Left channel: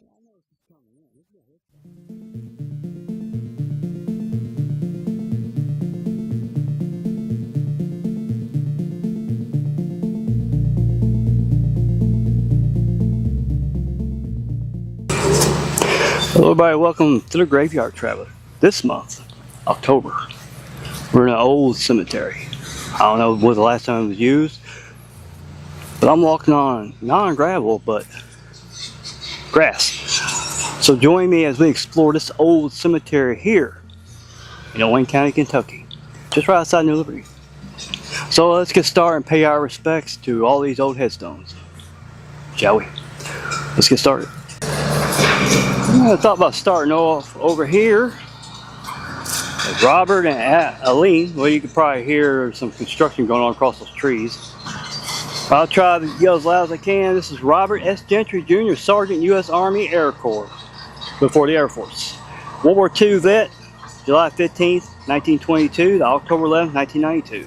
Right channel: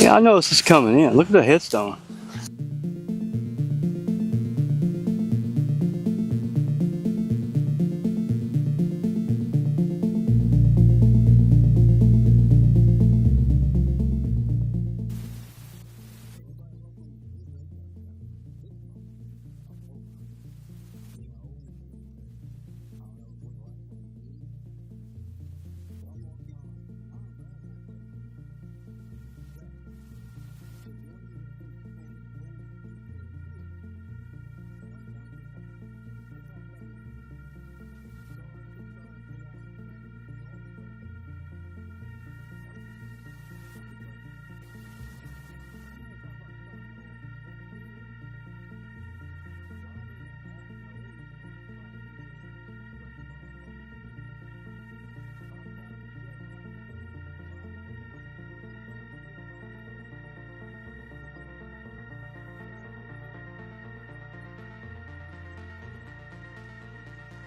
Yeah, I noticed this coming in. Look at the headstone. Hello everybody, welcome to the Graveyard Traveler. This month, October, we're in an old cemetery. I don't know when the last time it was used, but I'm walking on, not on gravel, but grass. So join me as we explore this old cemetery here in Wayne County, Kentucky, just right outside New Liberty. So let's get started and pay our respects to all these old headstones, shall we? Let's get started. I thought about starting off over here with Robert and Aline. Well, you could probably hear some construction going on across those trees. I'll try to yell as loud as I can. This is Robert S. Gentry, Jr., Sergeant, U.S. Army Air Corps, before the Air Force. World War II vet, July 15th, 1922 to October 11th, 1992.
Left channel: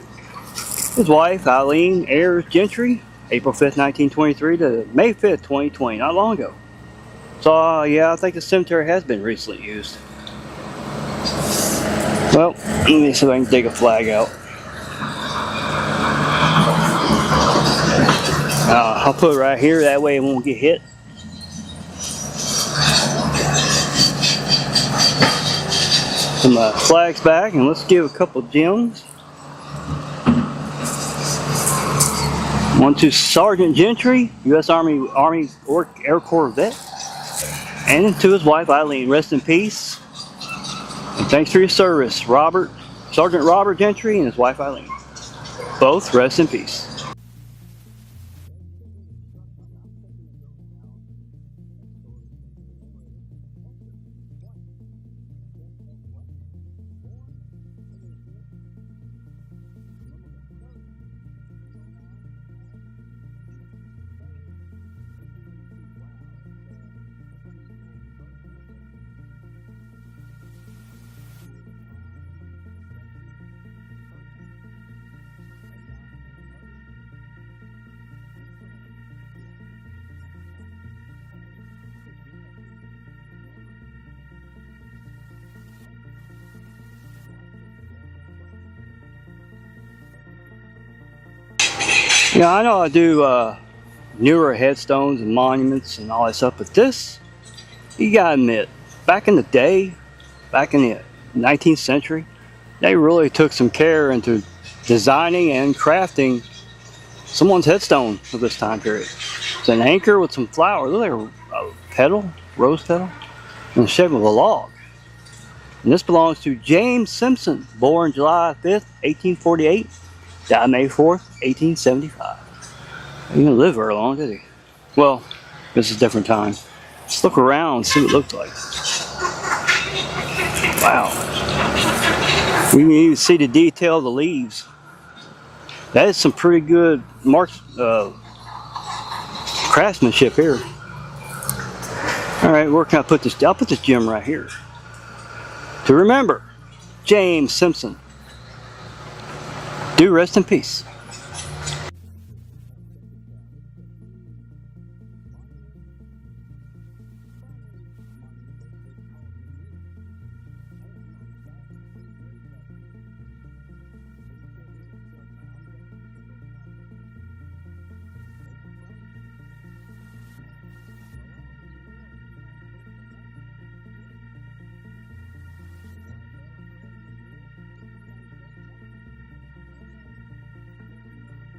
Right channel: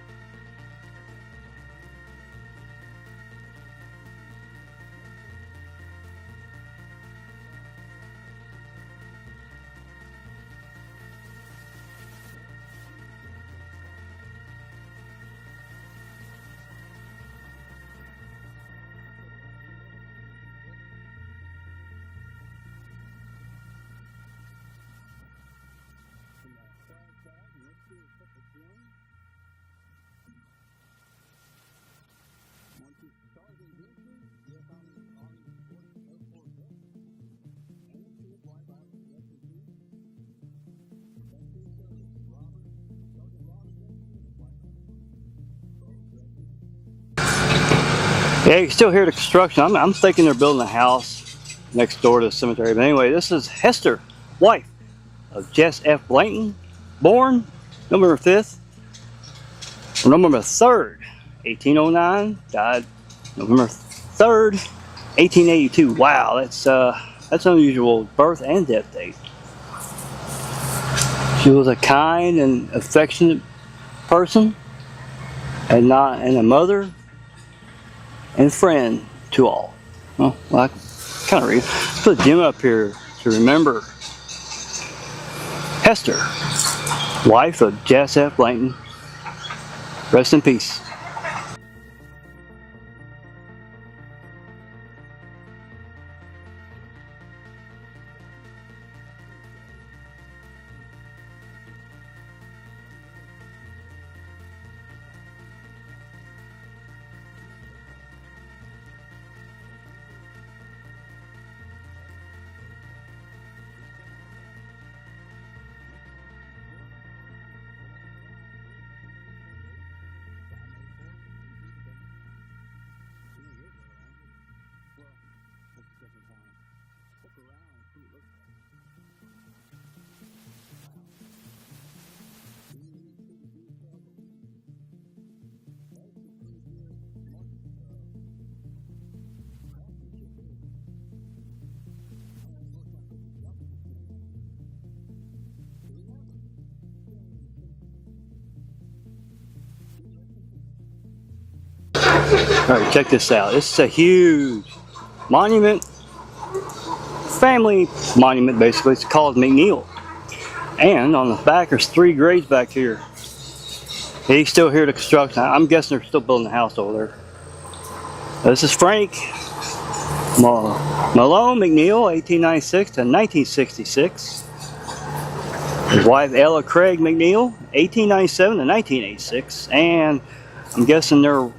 His wife, Aline Ayers Gentry, April 5th, 1923 to May 5th, 2020, not long ago. So, yeah, I think the cemetery has been recently used. Well, let me see if I can dig a flag out. I'll put it right here, that way it won't get hit. Some flags back, and let's give a couple gems. One to Sergeant Gentry, U.S. Army Air Corps vet. And to his wife, Eileen, rest in peace. And thanks for your service, Sergeant Robert Gentry and his wife, Eileen. Both rest in peace. Yeah, you can still hear the construction. I'm thinking they're building a house next door to the cemetery. But anyway, this is Hester, wife of Jess F. Blanton, born November 5th, or November 3rd, 1809, died November 3rd, 1882. Wow, that's unusual birth and death date. She was a kind and affectionate person, and a mother and friend to all. Well, I kind of read. Let's put a gem up here to remember Hester, wife of Jess F. Blanton. Rest in peace. Yeah, I know I do newer headstones and monuments and all that stuff, but this, you gotta admit, back in the day, back in the 19th century, they really took some care into designing and crafting someone's headstone of this time period. It's an anchor with some flowers, look like a petal, rose petal, in the shape of a log. And this belongs to James Simpson, born July 5th, 1848, died May 4th, 1875. He didn't live very long, did he? Well, this is a different time. Let's look around and see what it looked like. Wow. We can even see the detail of the leaves. That is some pretty good craftsmanship here. All right, where can I put this? I'll put this gem right here. To remember, James Simpson. Do rest in peace. All right, check this out. This is a huge monument, family monument basically. It's called McNeil. And on the back, there's 3 graves back here. You still hear the construction. I'm guessing they're still building the house over there. This is Frank Malone McNeil, 1896 to 1966. His wife Ella Craig McNeil, 1897 to 1986. And I'm guessing their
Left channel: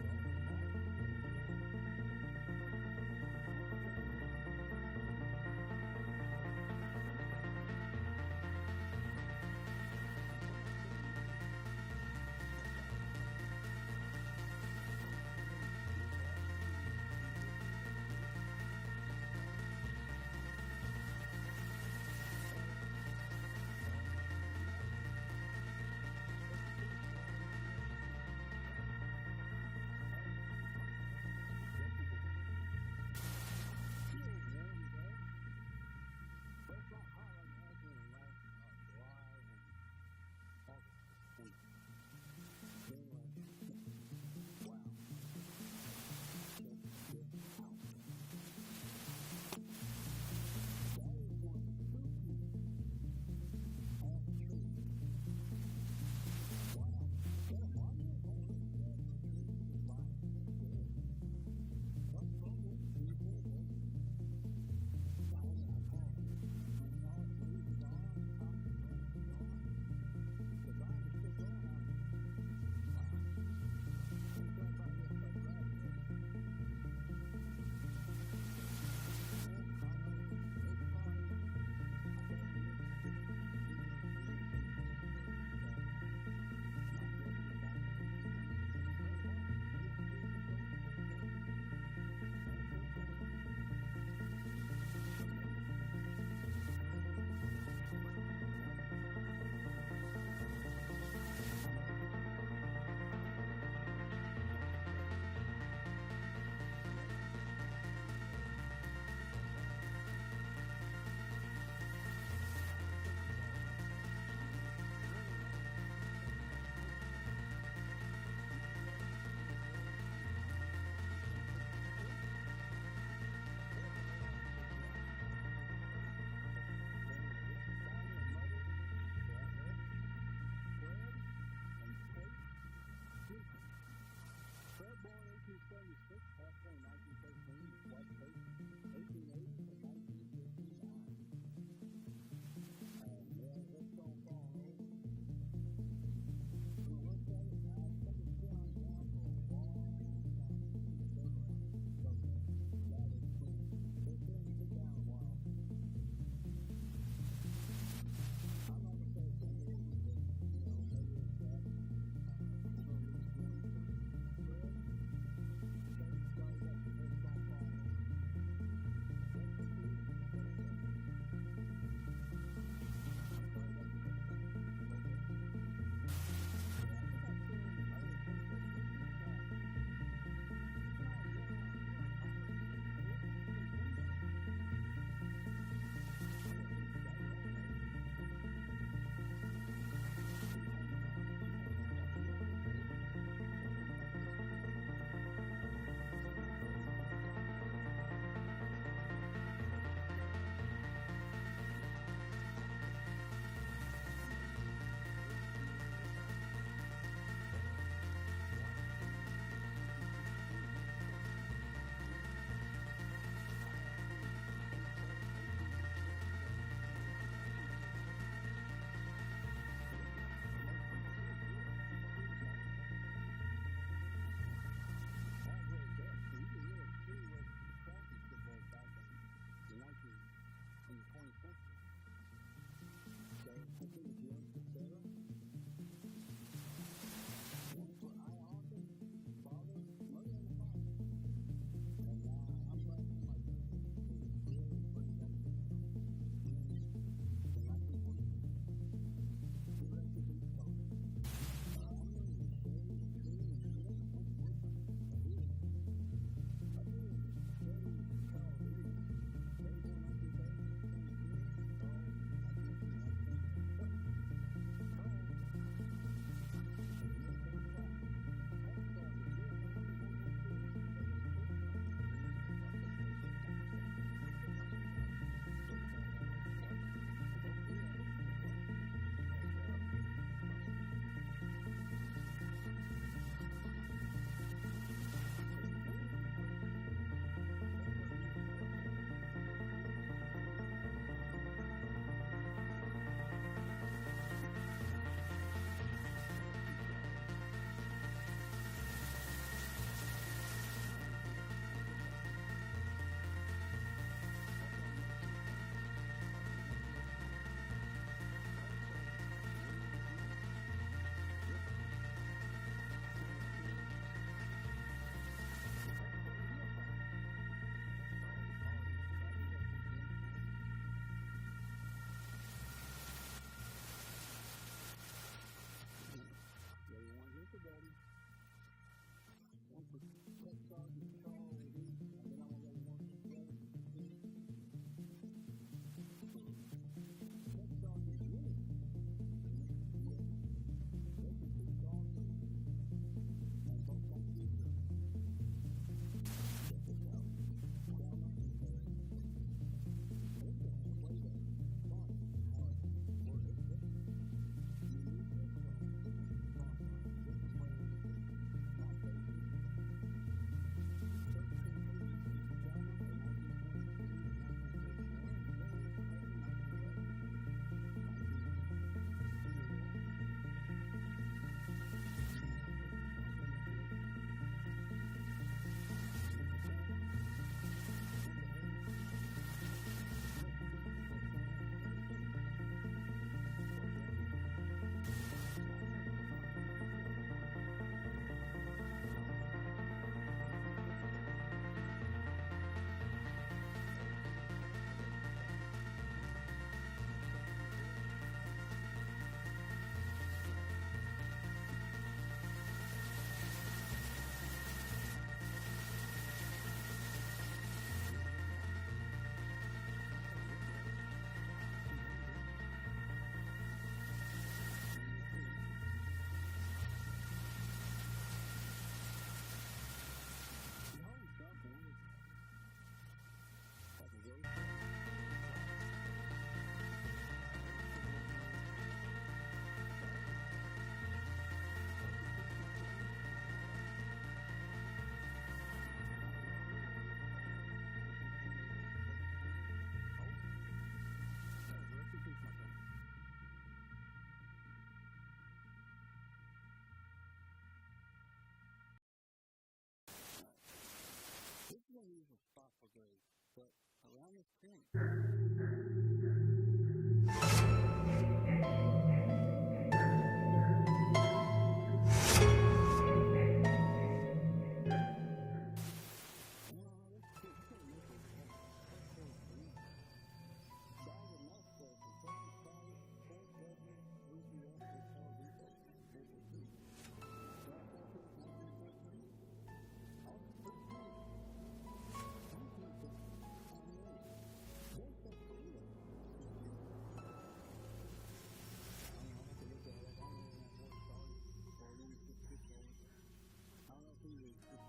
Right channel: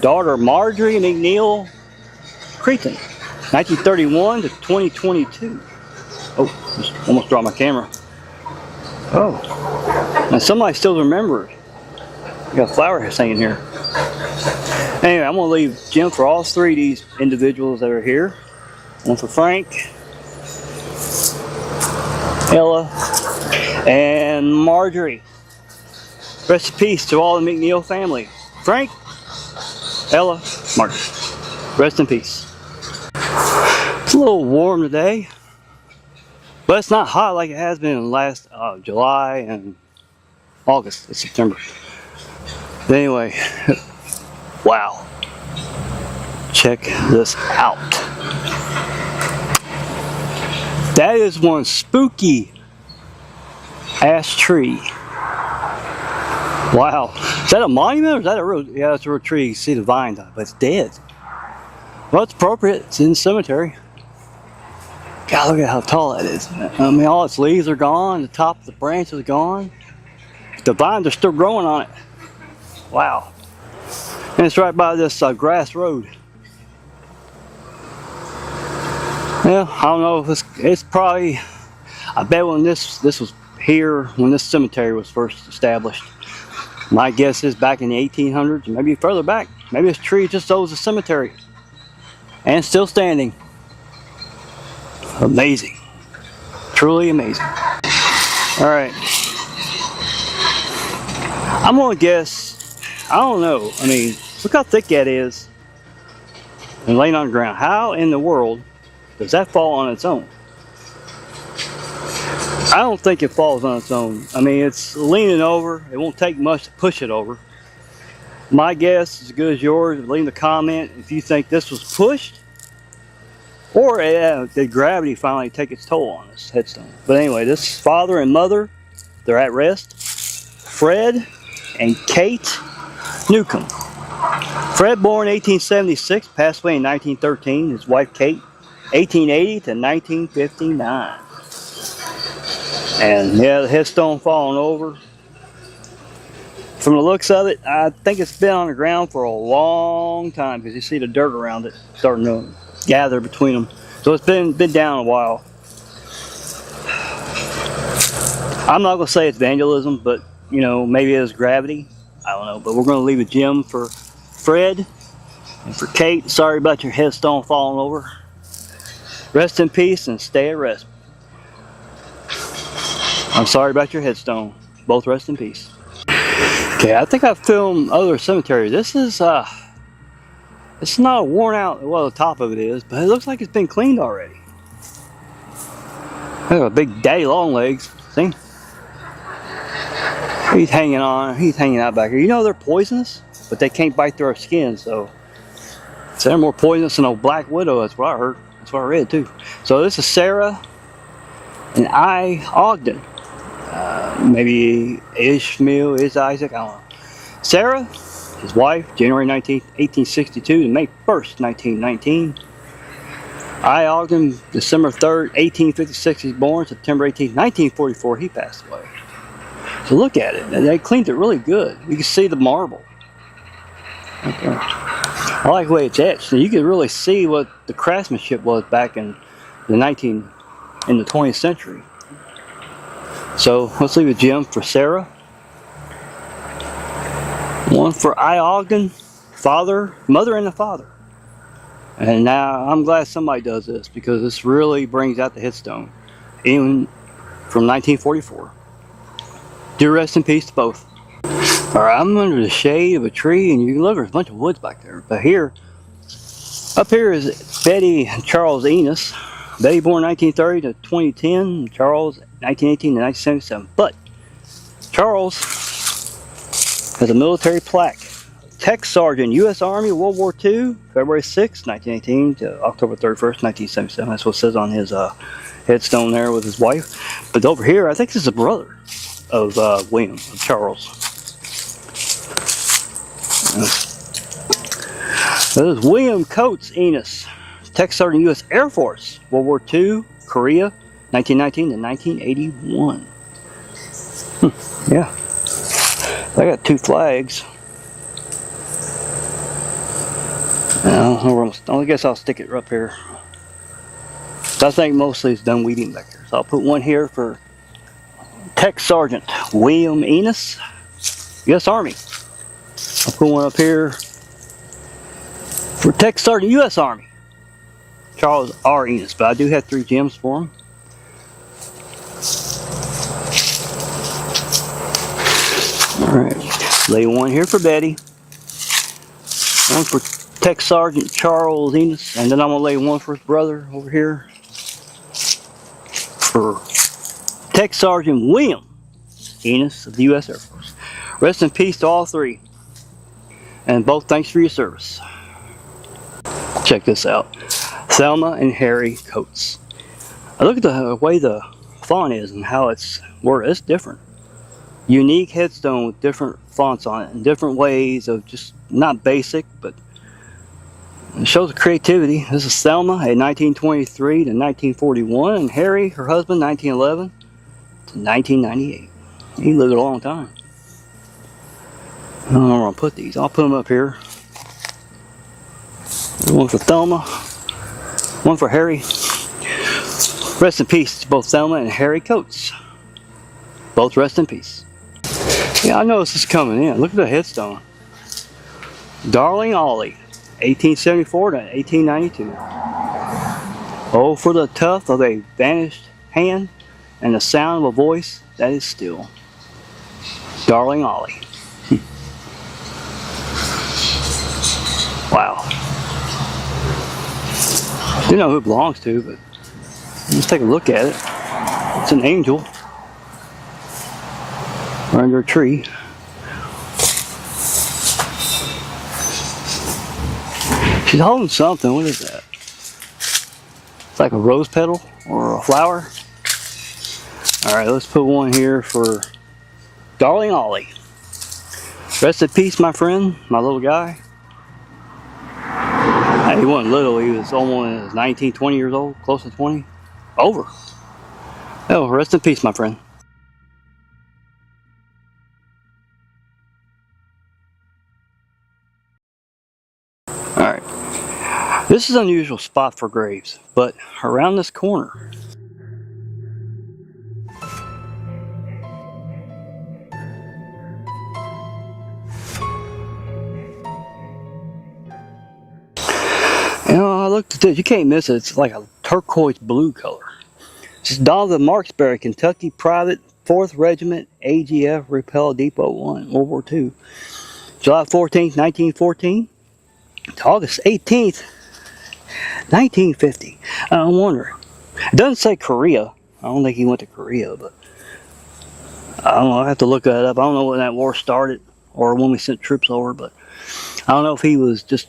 daughter Marjorie McNeil Cretan, 1931 to 2022. Oh, just almost dropped my camera. Oh, and somebody still remembered. We got a flower hanging here. Anyway, I'm gonna leave gem for all 3 of these individuals that are here. One for Frank, Ella, and Marjorie. Rest in peace to all the McNeil family. Frank, Ella, Marjorie. Rest in peace. It's a little warm today, but it's not hot like it has been in last July and August and September. But anyway, wow. Check this out. That is one spooky ash tree. Wow. Is that a monument or is that a real? Yeah, it's a real tree. You see the vine, but it's dead. Well, it's appropriate. It's in the cemetery. God, look at how tall that is. I mean, all its leaves are gone. The top of the branch is gone. The vines are still growing on it. Wow. And it's right by this grass road. Yeah, I don't know if it's probably, I bet when this was here, when this cemetery was first established, my guess is back in the 1800s, maybe further back. Maybe this tree just owes a cemetery. And still standing. Amazing. Truly amazing. Alright. I'm gonna guess, I don't know. I mean, look how thick that is. And laying on the ground. How in the world does that fall on its own? I don't think it falls on its own. I mean, it's leaning over. It won't take much to push it over. My guess is as good as yours. Leave a comment if you think this was pushed, or did gravity finally take its toll on this headstone. But anyway, this father and mother, they're at rest. Fred and Kate Newcomb. Fred, born 1876, passed away in 1913. His wife Kate, 1880 to 1959. And yeah, the headstone falling over. From the looks of it, I think it's been on the ground for a long time because you see the dirt around it starting to gather between them. So it's been down a while. I'm not going to say it's vandalism, but you know, maybe it's gravity. I don't know, but we're going to leave a gem for Fred and for Kate. Sorry about your headstone falling over. Rest in peace and stay at rest. I'm sorry about your headstone. Both rest in peace. Okay, I think I've filmed other cemeteries. This is, it's not worn out, well, the top of it is, but it looks like it's been cleaned already. Look at a big daddy long legs, see? He's hanging on, he's hanging out back here. You know they're poisonous, but they can't bite through our skin, so they're more poisonous than a black widow, that's what I heard. That's what I read too. So this is Sarah and I Ogden. Maybe Ishmael, is Isaac, I don't know. Sarah, his wife, January 19th, 1862 to May 1st, 1919. I Ogden, December 3rd, 1856 he's born, September 18th, 1944 he passed away. So look at it, they cleaned it really good. You can see the marble. Okay. I like the way it's etched. You can really see what the craftsmanship was back in the 20th century. So let's leave a gem for Sarah. One for I Ogden, mother and the father. And now I'm glad somebody does this because this really brings out the headstone, even from 1944. Do rest in peace to both. All right, I'm under the shade of a tree, and you can look, there's a bunch of woods back there. But here, up here is Betty and Charles Enos. Betty born 1930 to 2010, Charles 1918 to 1977. But Charles has a military plaque. Tech Sergeant, U.S. Army, World War II, February 6, 1918 to October 31st, 1977. That's what it says on his headstone there with his wife. But over here, I think this is a brother of William, of Charles. This is William Coates Enos, Tech Sergeant, U.S. Air Force, World War II, Korea, 1919 to 1981. Yeah. I got two flags. I guess I'll stick it up here. I think mostly it's done weeding back here. So I'll put one here for Tech Sergeant William Enos, U.S. Army. I'll put one up here for Tech Sergeant U.S. Army, Charles R. Enos. But I do have 3 gems for him. Alright, lay one here for Betty, one for Tech Sergeant Charles Enos, and then I'm going to lay one for his brother over here for Tech Sergeant William Enos of the U.S. Air Force. Rest in peace to all 3, and both thanks for your service. Check this out. Thelma and Harry Coates. I look at the way the font is and how it's worded. It's different. Unique headstone with different fonts on it and different ways of just not basic, but it shows the creativity. This is Thelma, a 1923 to 1941, and Harry, her husband, 1911 to 1998. He lived a long time. I don't know where I'll put these. I'll put them up here. One for Thelma, one for Harry. Rest in peace to both Thelma and Harry Coates. Both rest in peace. Yeah, I noticed this coming in. Look at the headstone. Darling Ollie, 1874 to 1892. Oh, for the tuft of a vanished hand and the sound of a voice that is still. Darling Ollie. Wow. You know who it belongs to, but let's take a look at it. It's an angel under a tree. She's holding something. What is that? It's like a rose petal or a flower. All right, let's put one here for Darling Ollie. Rest in peace, my friend, my little guy. He wasn't little, he was almost 19, 20 years old, close to 20. Over. Oh, rest in peace, my friend. Alright. This is an unusual spot for graves, but around this corner, you know, I looked at this, you can't miss it. It's like a turquoise blue color. It's Donald Marksbury, Kentucky Private 4th Regiment, AGF Repel Depot 1, World War II. July 14th, 1914 to August 18th, 1950. I'm wondering. It doesn't say Korea. I don't think he went to Korea, but I don't know. I have to look that up. I don't know when that war started or when we sent troops over, but I don't know if he was just,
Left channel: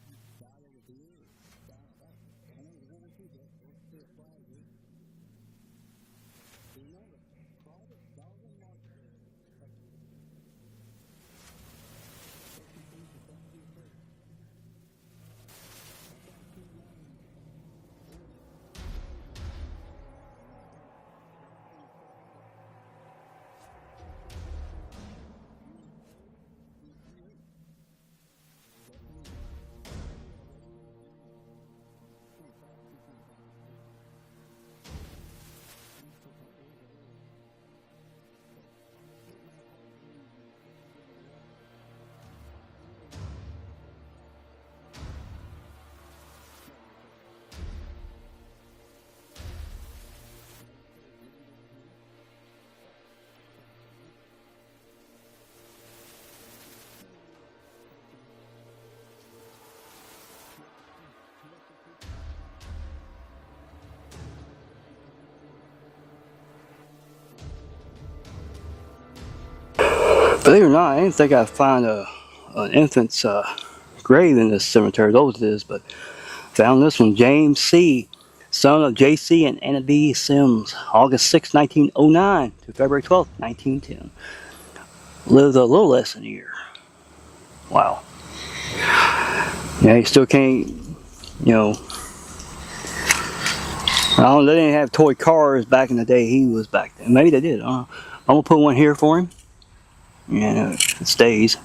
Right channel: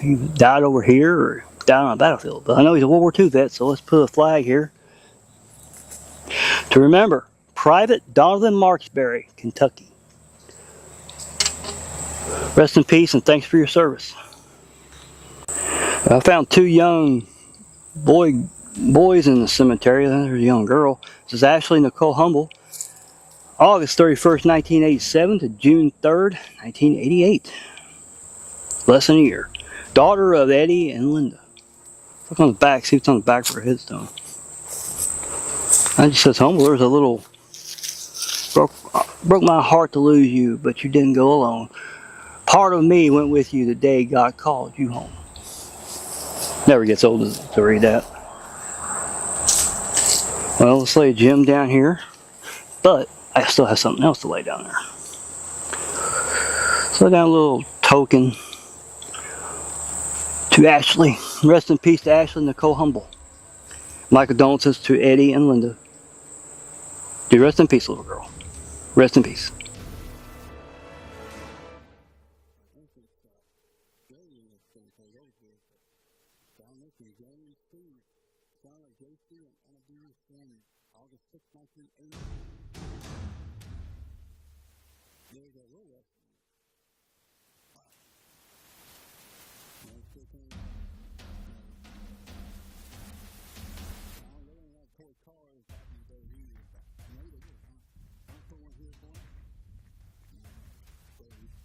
he died over here or died on a battlefield. But I know he's a World War II vet, so let's put a flag here. To remember, Private Donovan Marksbury, Kentucky. Rest in peace and thanks for your service. I found two young boys in the cemetery. There's a young girl. This is Ashley Nicole Humble. August 31st, 1987 to June 3rd, 1988. Less than a year. Daughter of Eddie and Linda. Look on the back, see what's on the back for a headstone. It just says Humble. There's a little, broke my heart to lose you, but you didn't go alone. Part of me went with you the day God called you home. Never gets old to read that. Well, let's lay a gem down here, but I still have something else to lay down there. So lay down a little token to Ashley. Rest in peace to Ashley Nicole Humble. My condolences to Eddie and Linda. Do rest in peace, little girl. Rest in peace. Believe it or not, I didn't think I'd find an infant's grave in this cemetery. Those it is, but found this one. James C., son of J.C. and Anna B. Sims. August 6, 1909 to February 12, 1910. Lived a little less than a year. Wow. Yeah, he still can't, you know. I don't know, they didn't have toy cars back in the day he was back then. Maybe they did. I'm going to put one here for him. And it stays.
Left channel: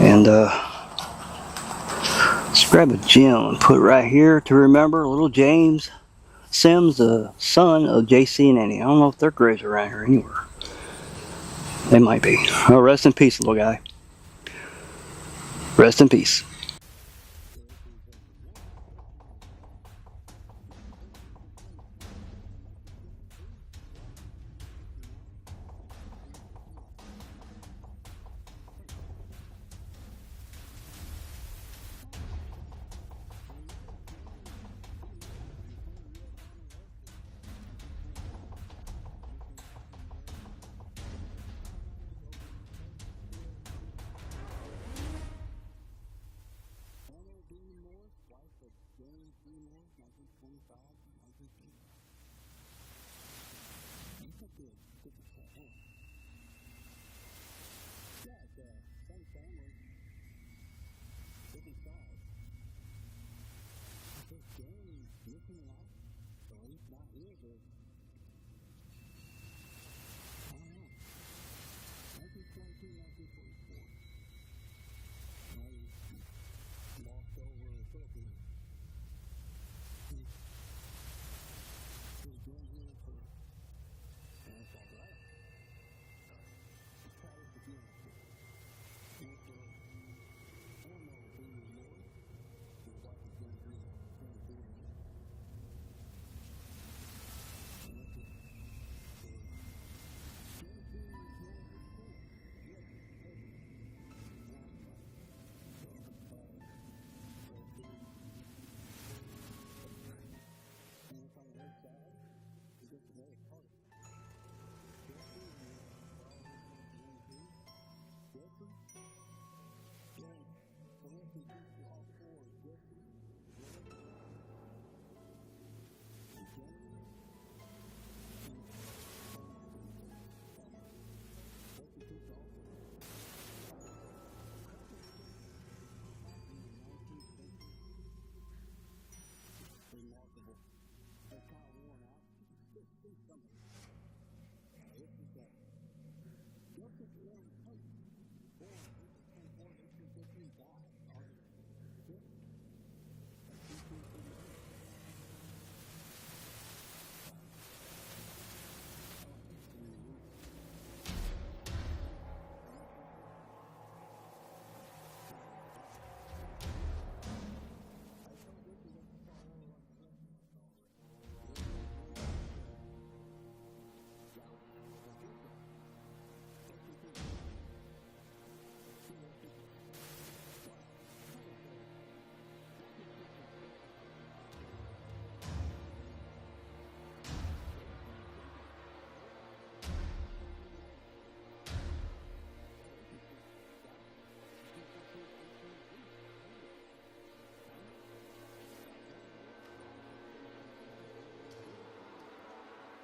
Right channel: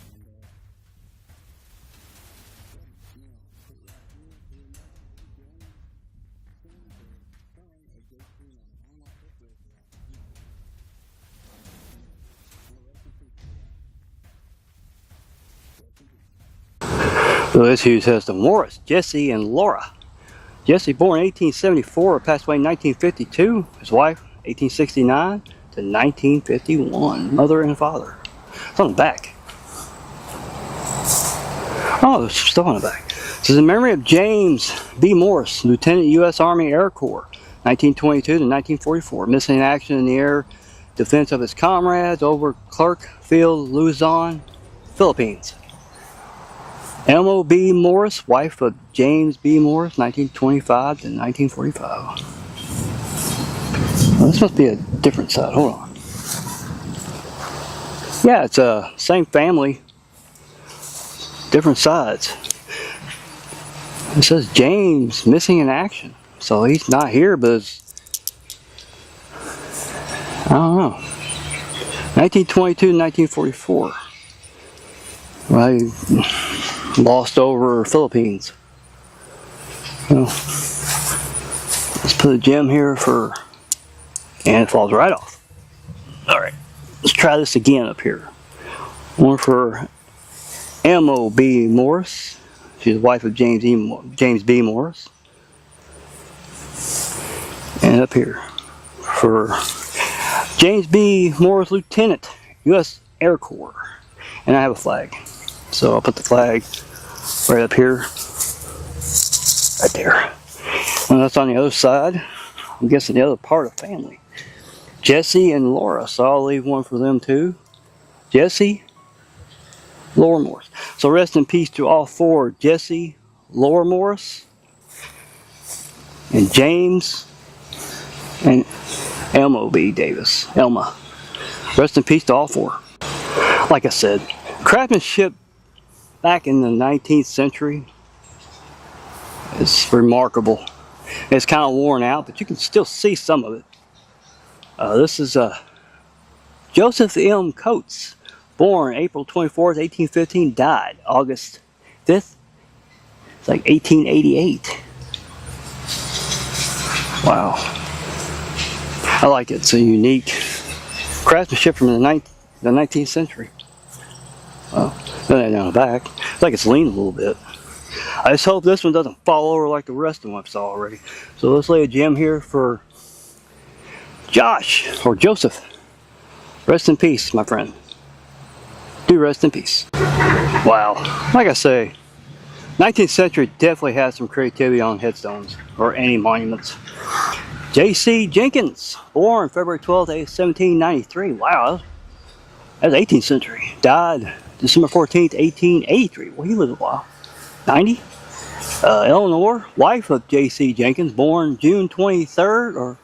And let's grab a gem and put it right here to remember little James Sims, the son of JC and Annie. I don't know if their graves are around here anywhere. They might be. Oh, rest in peace, little guy. Rest in peace. So this huge headstone. Morris, Jesse, and Laura. Jesse, born in 1874, passed away in 1952. His wife, 1869 to 1951. Mother and father. It's on the back. Oh, there's stuff on the back. This is in memory of James B. Morris, Lieutenant U.S. Army Air Corps, 1922 to 1944. Missing in action in the air defense of his comrades over Clark Field, Luzon, Philippines. Elmo B. Morris, wife of James B. Morris, 1925 to 1945. Well, this must be a different side. Hold on. Yeah, it's a same family, different sides. It says James missing in action, so he's not here, but I don't know. 1922 to 1944. Well, he lost over Philippines. Well, let's put a gem here for, and it falls right off. All right, let's try this again up here. One for Elmo B. Morris. She's the wife of James B. Morris. And up here for James B. Morris, Lieutenant, U.S. Air Corps. And I have a flag. So I'll put the flag right up here. Right there. And that's on the other side. I'm guessing the other part of the family. Jesse and Laura. So I'll leave one for them too. Jesse, Laura Morris. So rest in peace to all four. Jesse, Laura Morris, and James, and Elmo B. Davis. Elma. Rest in peace to all four. Like I said, craftsmanship back in the 19th century is remarkable. It's kind of worn out, but you can still see some of it. This is Joseph M. Coates. Born April 24th, 1815, died August 5th. It's like 1888. Wow. I like it. It's a unique craftsmanship from the 19th century. Well, then down the back. It's like it's leaning a little bit. I just hope this one doesn't fall over like the rest of them I saw already. So let's lay a gem here for Josh, or Joseph. Rest in peace, my friend. Do rest in peace. Wow. Like I say, 19th century definitely has some creativity on headstones or any monuments. J.C. Jenkins, born February 12th, 1793. Wow, that's 18th century. Died December 14th, 1883. Well, he lived a while. 90. Eleanor, wife of J.C. Jenkins, born June 23rd, or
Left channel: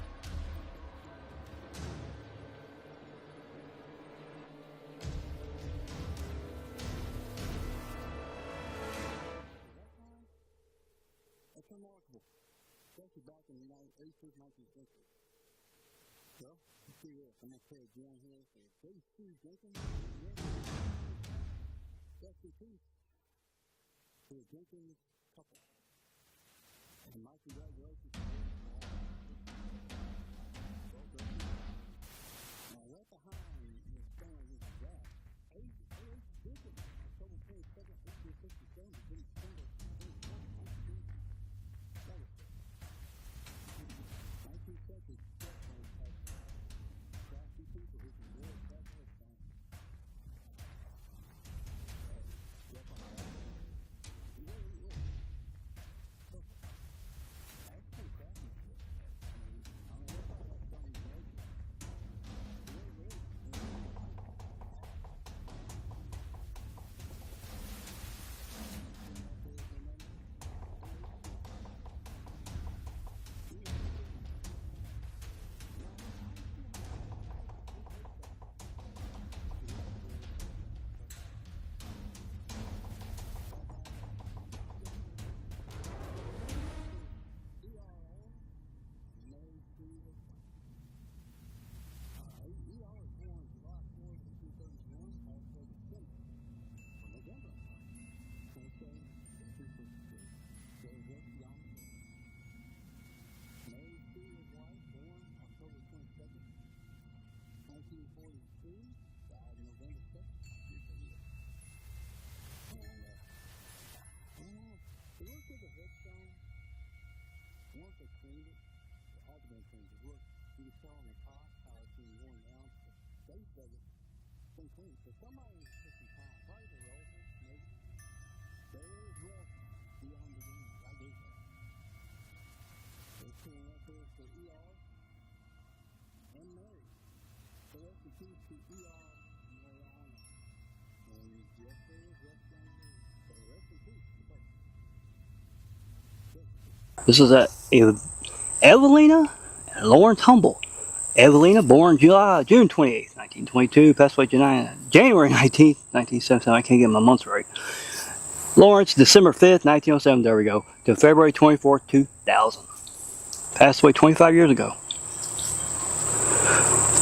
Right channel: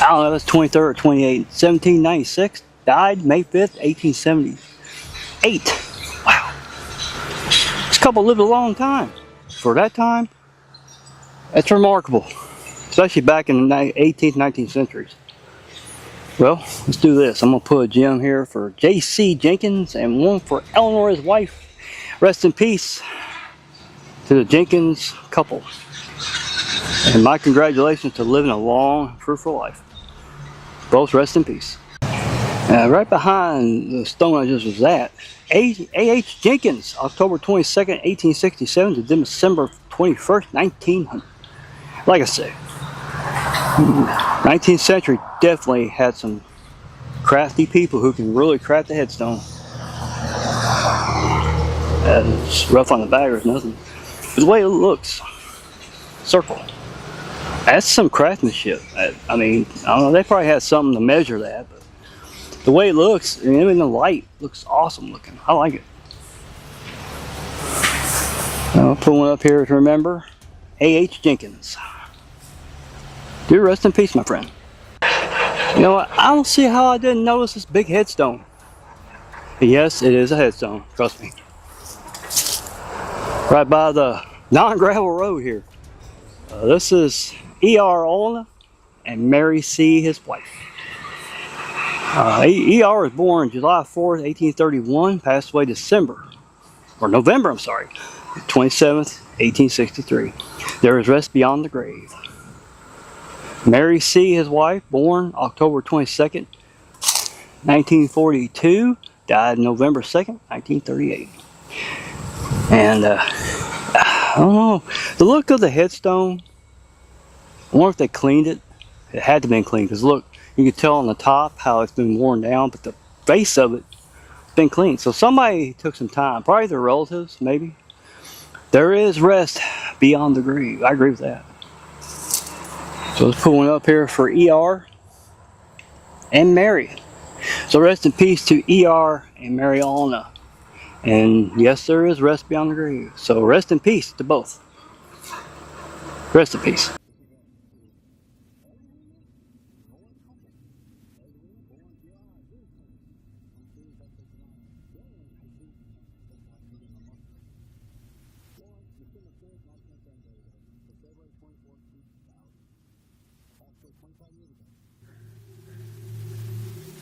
I don't know, that's 23rd or 28th, 1796. Died May 5th, 1878. Wow. This couple lived a long time. For that time, that's remarkable. Especially back in the 18th, 19th centuries. Well, let's do this. I'm going to put a gem here for J.C. Jenkins and one for Eleanor, his wife. Rest in peace to the Jenkins couple. And my congratulations to living a long, fruitful life. Both rest in peace. Right behind the stone I just was at, A.H. Jenkins, October 22nd, 1867 to December 21st, 1900. Like I said, 19th century definitely had some crafty people who can really craft a headstone. It's rough on the back or nothing. But the way it looks, circle. That's some craftsmanship. I mean, I don't know, they probably had something to measure that, but the way it looks, and in the light, looks awesome looking. I like it. I'll put one up here to remember. A.H. Jenkins. Do rest in peace, my friend. You know what? I don't see how I didn't notice this big headstone. Yes, it is a headstone. Trust me. Right by the non-gravel road here. This is E.R. Olna and Mary C., his wife. E.R. was born July 4th, 1831, passed away November 27th, 1863. There is rest beyond the grave. Mary C., his wife, born October 22nd, 1942, died November 2nd, 1938. And I don't know, the look of the headstone, I wonder if they cleaned it. It had to have been cleaned, because look, you can tell on the top how it's been worn down, but the face of it has been cleaned. So somebody took some time, probably their relatives, maybe. There is rest beyond the grave. I agree with that. So let's put one up here for E.R. and Mary. So rest in peace to E.R. and Mary Olna And yes, there is rest beyond the grave. So rest in peace to both. Rest in peace. This is Evelina and Lawrence Humble. Evelina, born June 28th, 1922, passed away January 19th, 1977. I can't get my months right. Lawrence, December 5th, 1907. There we go. To February 24th, 2000. Passed away 25 years ago.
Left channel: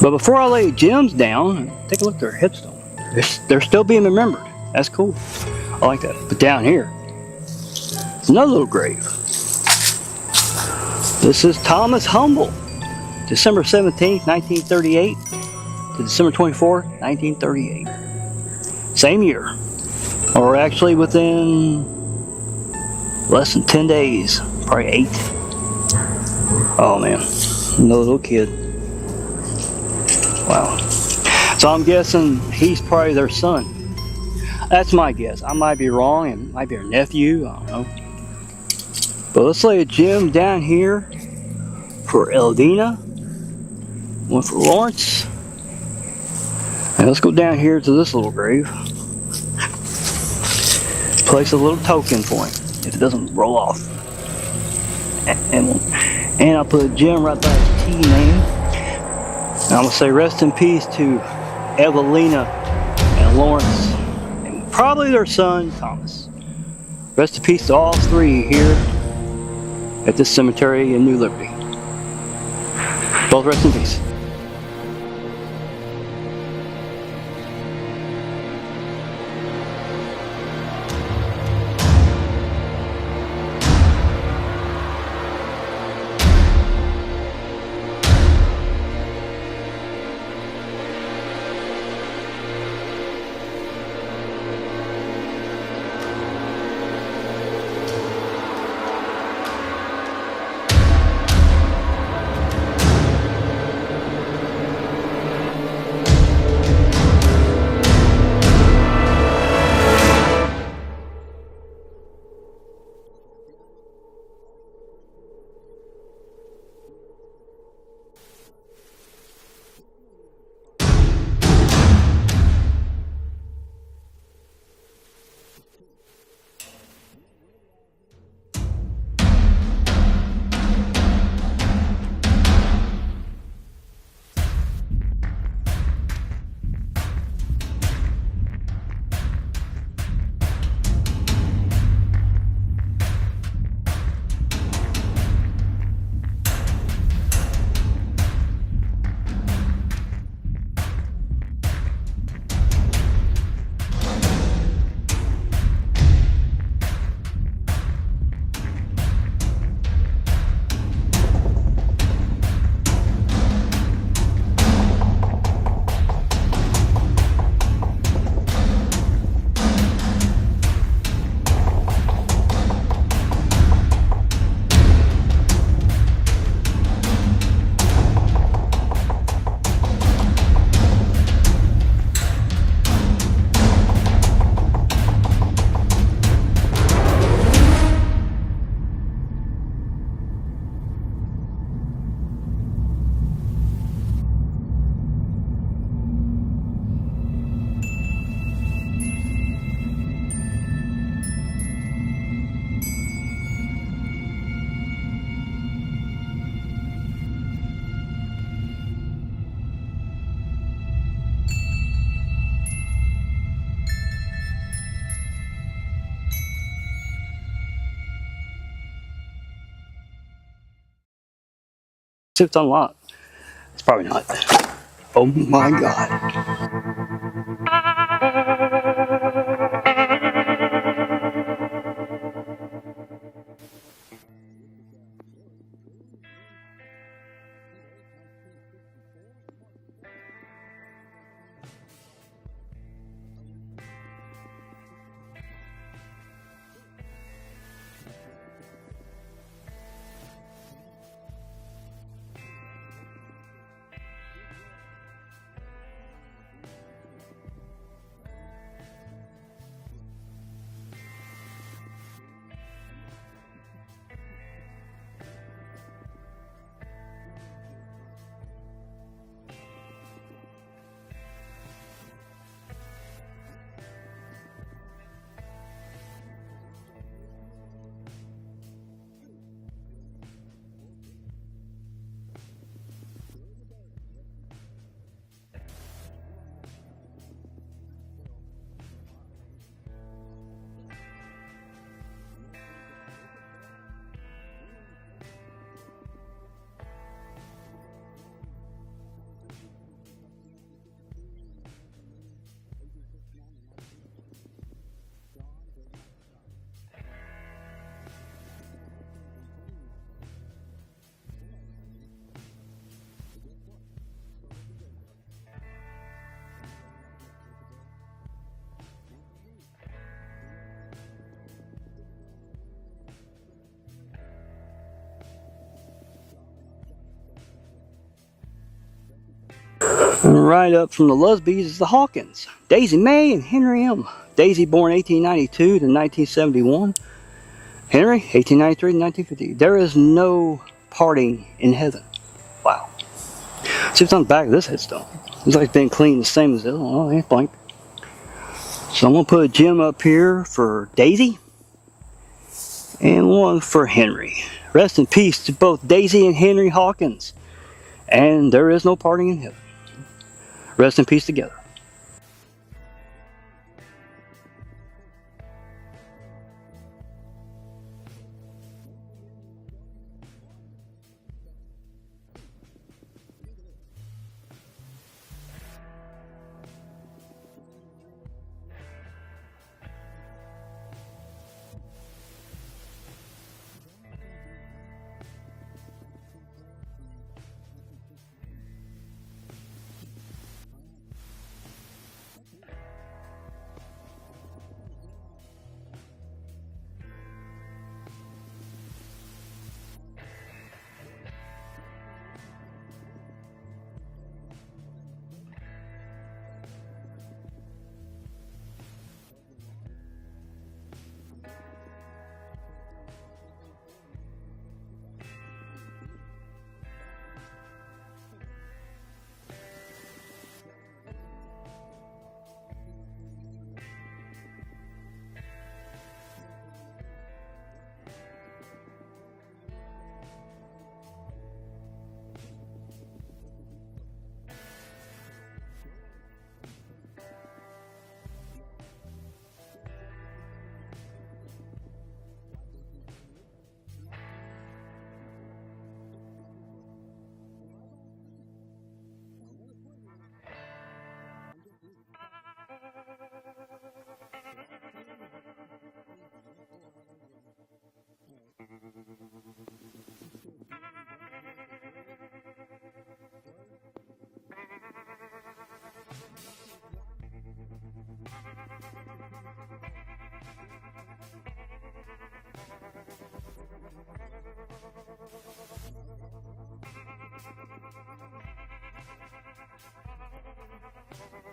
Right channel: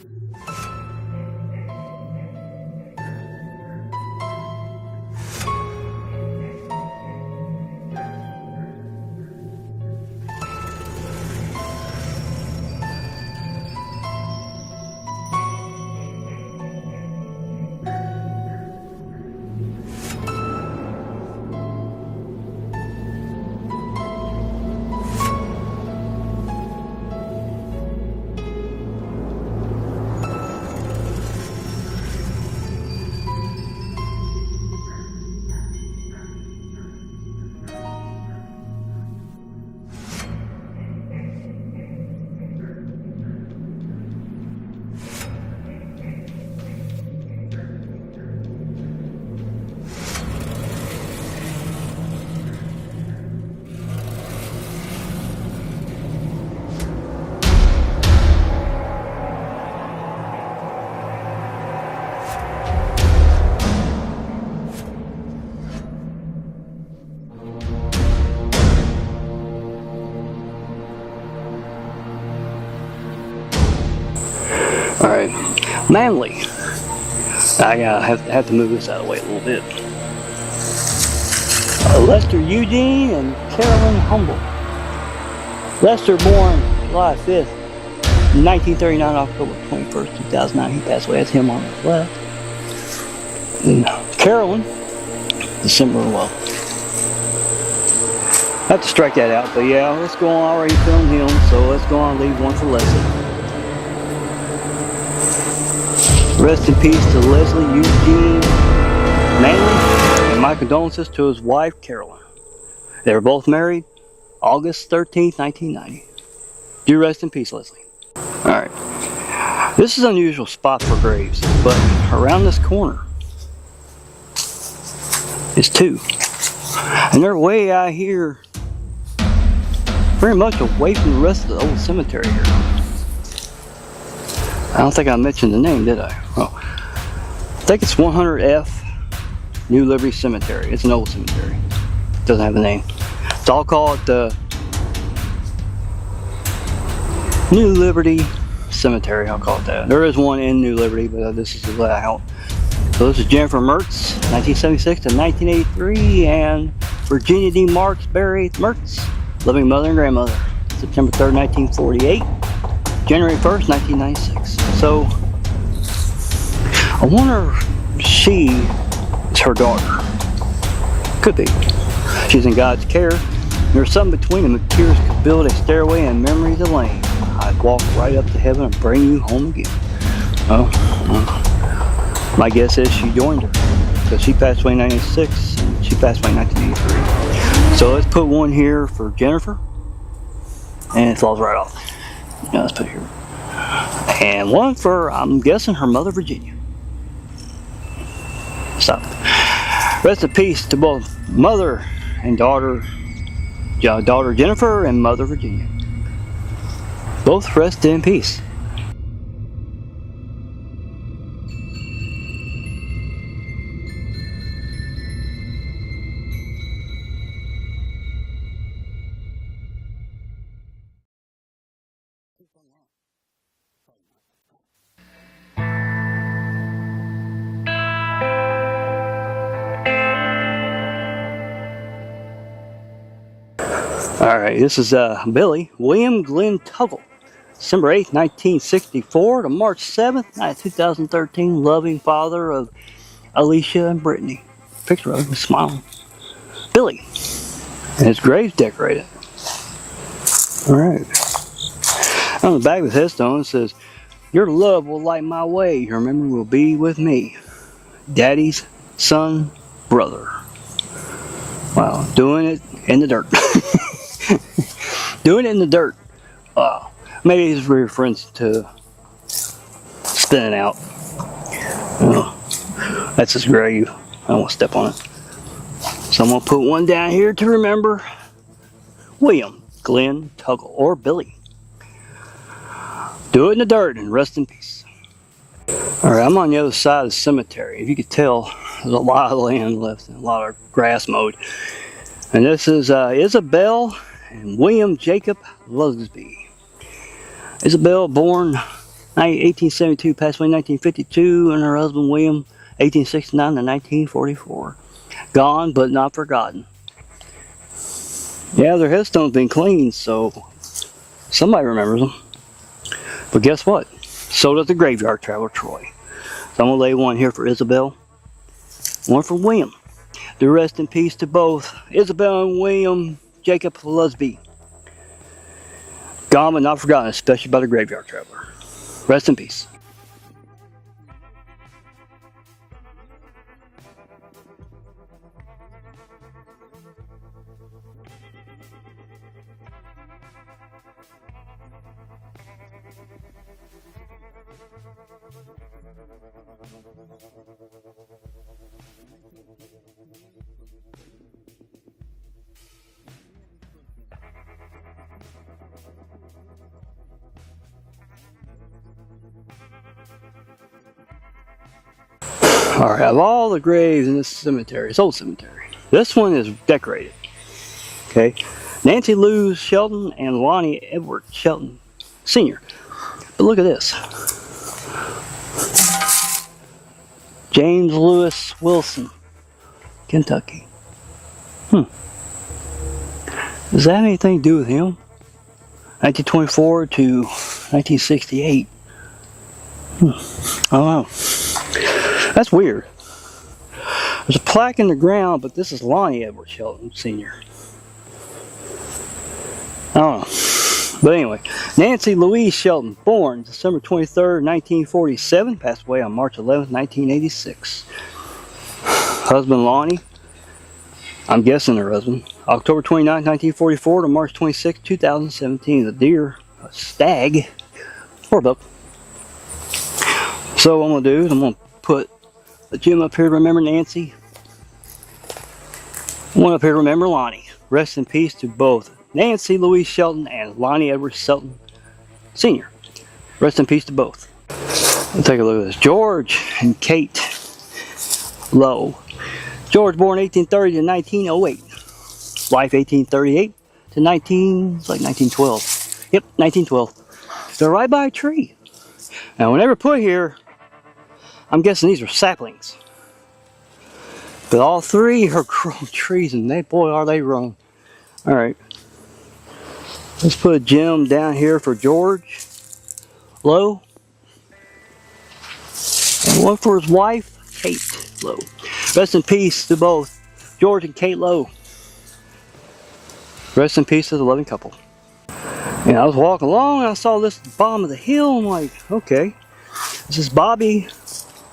But before I lay gems down, take a look at their headstone. They're still being remembered. That's cool. I like that. But down here, it's another little grave. This is Thomas Humble, December 17th, 1938 to December 24th, 1938. Same year. Or actually within less than 10 days. Probably 8. Oh man, another little kid. Wow. So I'm guessing he's probably their son. That's my guess. I might be wrong. It might be her nephew. I don't know. But let's lay a gem down here for Eldina. One for Lawrence. And let's go down here to this little grave. Place a little token for him if it doesn't roll off. And I'll put a gem right there at the T name. And I'm going to say rest in peace to Evelina and Lawrence, and probably their son, Thomas. Rest in peace to all three here at this cemetery in New Liberty. Both rest in peace. Alright, Manly. I have to move this out of the way a little bit. Lester Eugene and Carolyn Humble. Lester, born July 5th, 1939, October 21st, 2009. He passed away. That's him on the left. And Carolyn, December 11th. I have to strike that out, but yeah, let's go on. I already filmed him, so let's go on and leave one for Leslie. Rest in peace to Leslie Eugene Manley, and my condolences to his wife, Carolyn. They were both married August 13th, 1990. Do rest in peace, Leslie. Alright, this is an unusual spot for graves, but around this corner is two. And they're way out here, very much away from the rest of the old cemetery here. I don't think I mentioned the name, did I? Oh, I think it's 100F New Liberty Cemetery. It's an old cemetery. It doesn't have a name. So I'll call it the New Liberty Cemetery, I'll call it that. There is one in New Liberty, but this is the layout. So this is Jennifer Mertz, 1976 to 1983, and Virginia D. Marks buried Mertz, living mother and grandmother, September 3rd, 1948, January 1st, 1996. So I wonder if she is her daughter. Could be. She's in God's care. There's something between them that appears to build a stairway and memories of lane. I'd walk right up to heaven and bring you home again. Oh, my guess is she joined her, because she passed away in 96, and she passed away in 1983. So let's put one here for Jennifer, and it falls right off. Now let's put it here. And one for, I'm guessing, her mother, Virginia. Stop. Rest in peace to both mother and daughter Jennifer and mother Virginia. Both rest in peace. See if it's unlocked. It's probably not. Oh my God. Alright, this is William Glenn Tuggle, December 8th, 1964 to March 7th, 2013, loving father of Alicia and Brittany. Picture of him smiling. Billy. And his grave's decorated. Alright. On the back of his headstone it says, "Your love will light my way. Your memory will be with me. Daddy's son, brother." Wow, doing it in the dirt. Doing it in the dirt. Wow. Maybe he's reference to spinning out. That's his grave. I don't want to step on it. So I'm going to put one down here to remember William, Glenn, Tuggle, or Billy. Do it in the dirt and rest in peace. Alright, I'm on the other side of the cemetery. If you could tell, there's a lot of land left and a lot of grass mowed. And this is Isabel and William Jacob Lusby. Isabel, born 1872, passed away in 1952, and her husband William, 1869 to 1944. Gone but not forgotten. Yeah, their headstone's been cleaned, so somebody remembers them. But guess what? So does the graveyard traveler Troy. So I'm going to lay one here for Isabel, one for William. To rest in peace to both Isabel and William Jacob Lusby. Gone but not forgotten, especially by the graveyard traveler. Rest in peace. And right up from the Lusbys is the Hawkins. Daisy May and Henry M. Daisy born 1892 to 1971. Henry, 1893 to 1950. There is no parting in heaven. Wow. See what's on the back of this headstone. It's like it's been cleaned the same as this one. Oh, it's blank. So I'm going to put a gem up here for Daisy. And one for Henry. Rest in peace to both Daisy and Henry Hawkins. And there is no parting in heaven. Rest in peace together. Alright, of all the graves in this cemetery, it's old cemetery, this one is decorated. Okay, Nancy Lou Shelton and Lonnie Edward Shelton Sr. But look at this. James Lewis Wilson, Kentucky. Does that have anything to do with him? 1924 to 1968. I don't know. That's weird. There's a plaque in the ground, but this is Lonnie Edward Shelton Sr. I don't know. But anyway, Nancy Louise Shelton, born December 23rd, 1947, passed away on March 11th, 1986. Husband Lonnie, I'm guessing her husband, October 29th, 1944 to March 26th, 2017. A deer, a stag, or a buck. So what I'm going to do is I'm going to put a gem up here to remember Nancy. One up here to remember Lonnie. Rest in peace to both Nancy Louise Shelton and Lonnie Edward Shelton Sr. Rest in peace to both. Let's take a look at this. George and Kate Lowe. George born 1830 to 1908. Wife 1838 to 1912. Yep, 1912. They're right by a tree. Now whenever put here, I'm guessing these are saplings. But all three are grown trees, and they, boy, are they grown. Alright. Let's put a gem down here for George Lowe. And one for his wife, Kate Lowe. Rest in peace to both George and Kate Lowe. Rest in peace to the loving couple. And I was walking along and I saw this at the bottom of the hill. I'm like, okay. This is Bobby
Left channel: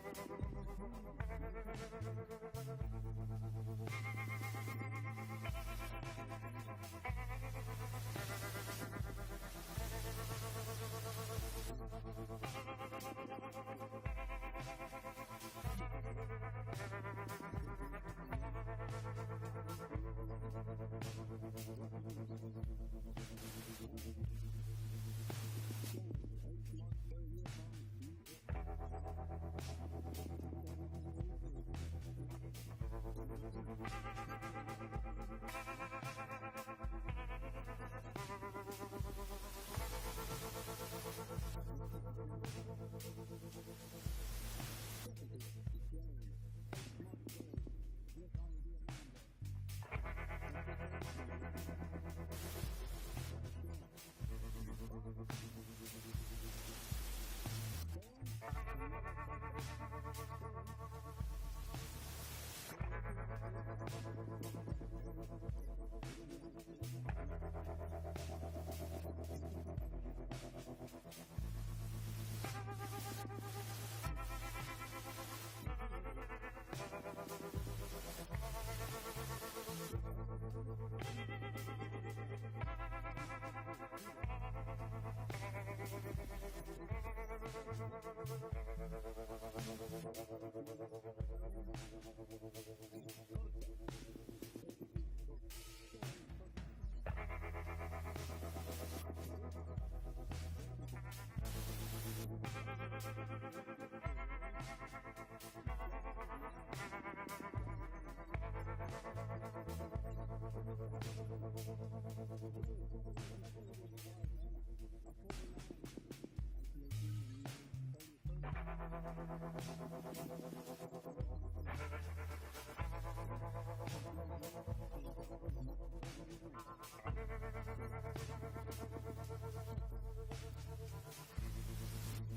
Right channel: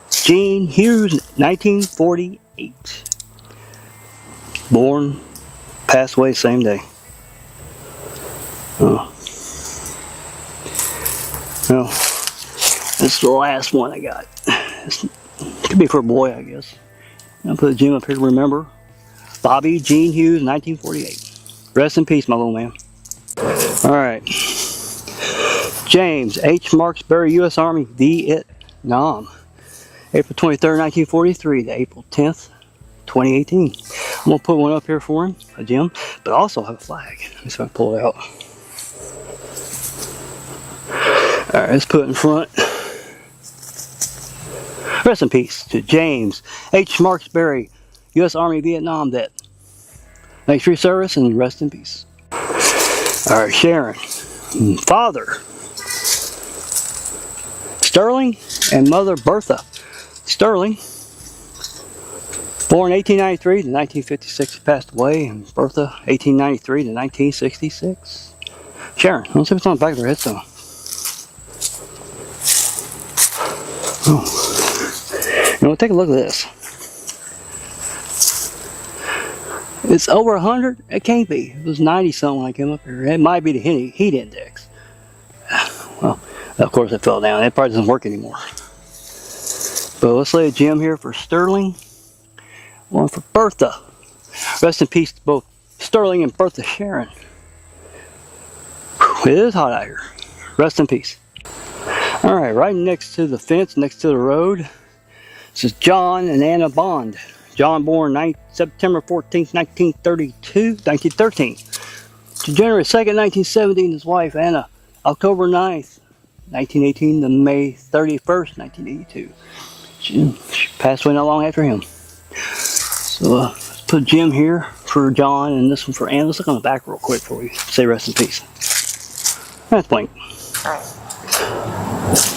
Jean Hughes, 1948. Born, passed away same day. Oh. Well, this is the last one I got. This could be for a boy, I guess. I'll put a gem up here to remember. Bobby Jean Hughes, 1948. Rest in peace, my little man. Alright. James H. Marksberry, U.S. Army, Vietnam. April 23rd, 1943 to April 10th, 2018. I'm going to put one up here for him, a gem, but also have a flag. Let's see if I can pull it out. Alright, let's put it in front. Rest in peace to James H. Marksberry, U.S. Army, Vietnam vet. Thanks for your service and rest in peace. Alright, Sharon. Father Sterling and mother Bertha Sterling. Born 1893 to 1956, passed away, and Bertha 1893 to 1966. Sharon, let's see what's on the back of their headstone. Oh. You know, take a look at this. It's over 100. It can't be. It was 90 something when I came up here. It might be the heat index. Well, of course it fell down. It probably doesn't work anymore. But let's lay a gem here for Sterling. One for Bertha. Rest in peace to both Sterling and Bertha Sharon. Whew, it is hot out here. Rest in peace. Alright, right next to the fence, next to the road, this is John and Anna Bond. John born September 14th, 1913. To January 2nd, 1970, and his wife Anna, October 9th, 1918 to May 31st, 1982. She passed away not long after him. So let's put Jim here for John and this one for Anna. Let's look on the back real quick before we say rest in peace. That's blank.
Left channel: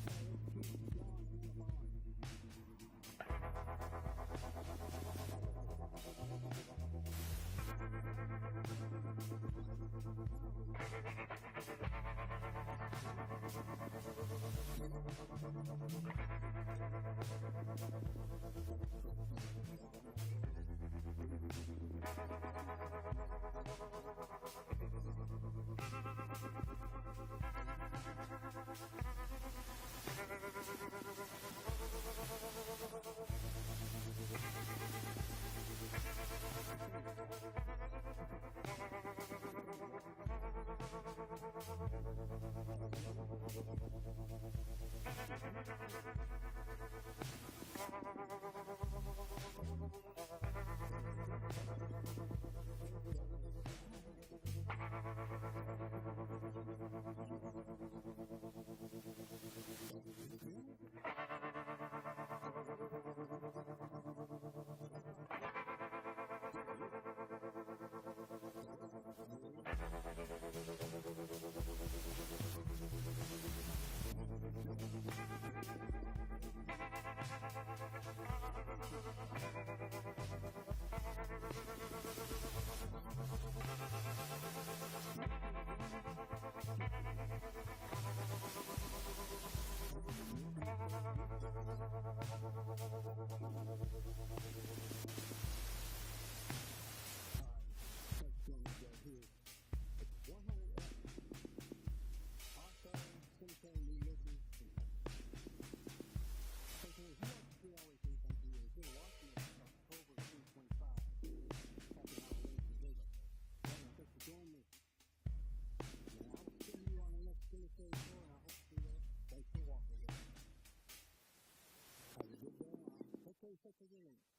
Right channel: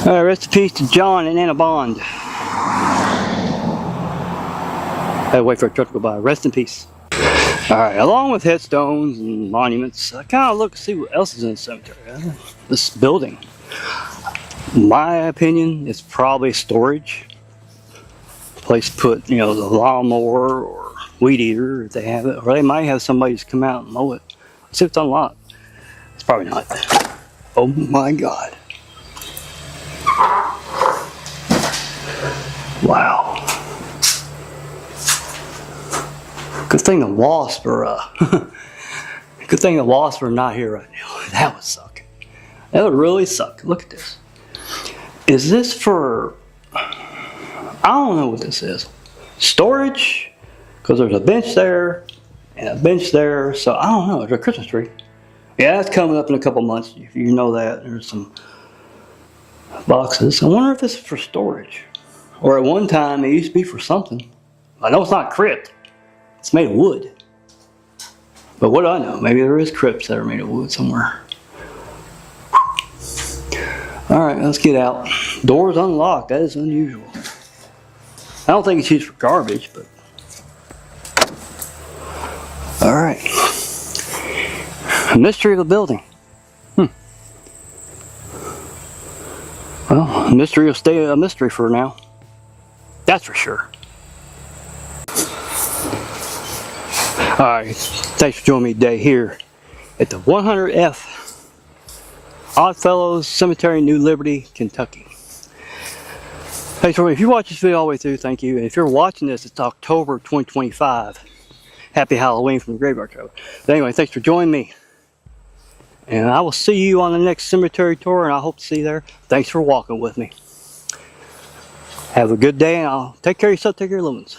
Alright, rest in peace to John and Anna Bond. I had to wait for a truck to go by. Rest in peace. Alright, along with headstones and monuments, I kind of look to see what else is in the cemetery. This building. My opinion, it's probably storage. Place to put, you know, the lawnmower or weed eater if they have it. Or they might have somebody just come out and mow it. Let's see if it's unlocked. It's probably not. Oh my God. Wow. Good thing the wasps are good thing the wasps are not here right now. That would suck. That would really suck. Look at this. Is this for, I don't know what this is. Storage? Because there's a bench there and a bench there. So I don't know. There's a Christmas tree. Yeah, it's coming up in a couple months. If you know that. There's some boxes. I wonder if this is for storage. Or at one time it used to be for something. I know it's not crypt. It's made of wood. But what do I know? Maybe there is crypts that are made of wood somewhere. Alright, let's get out. Door's unlocked. That is unusual. I don't think it's used for garbage, but... Alright. Mystery of the building. Well, mystery will stay a mystery for now. That's for sure. Alright, thanks for joining me today here at the 100F Oddfellows Cemetery, New Liberty, Kentucky. Thanks for, if you watch this video all the way through, thank you. And if you're watching this, it's October 2025. Happy Halloween from the Graveyard Traveler. But anyway, thanks for joining me. And I will see you on the next cemetery tour, and I hope to see you there. Thanks for walking with me. Have a good day, and I'll take care of yourself, take care of your little ones.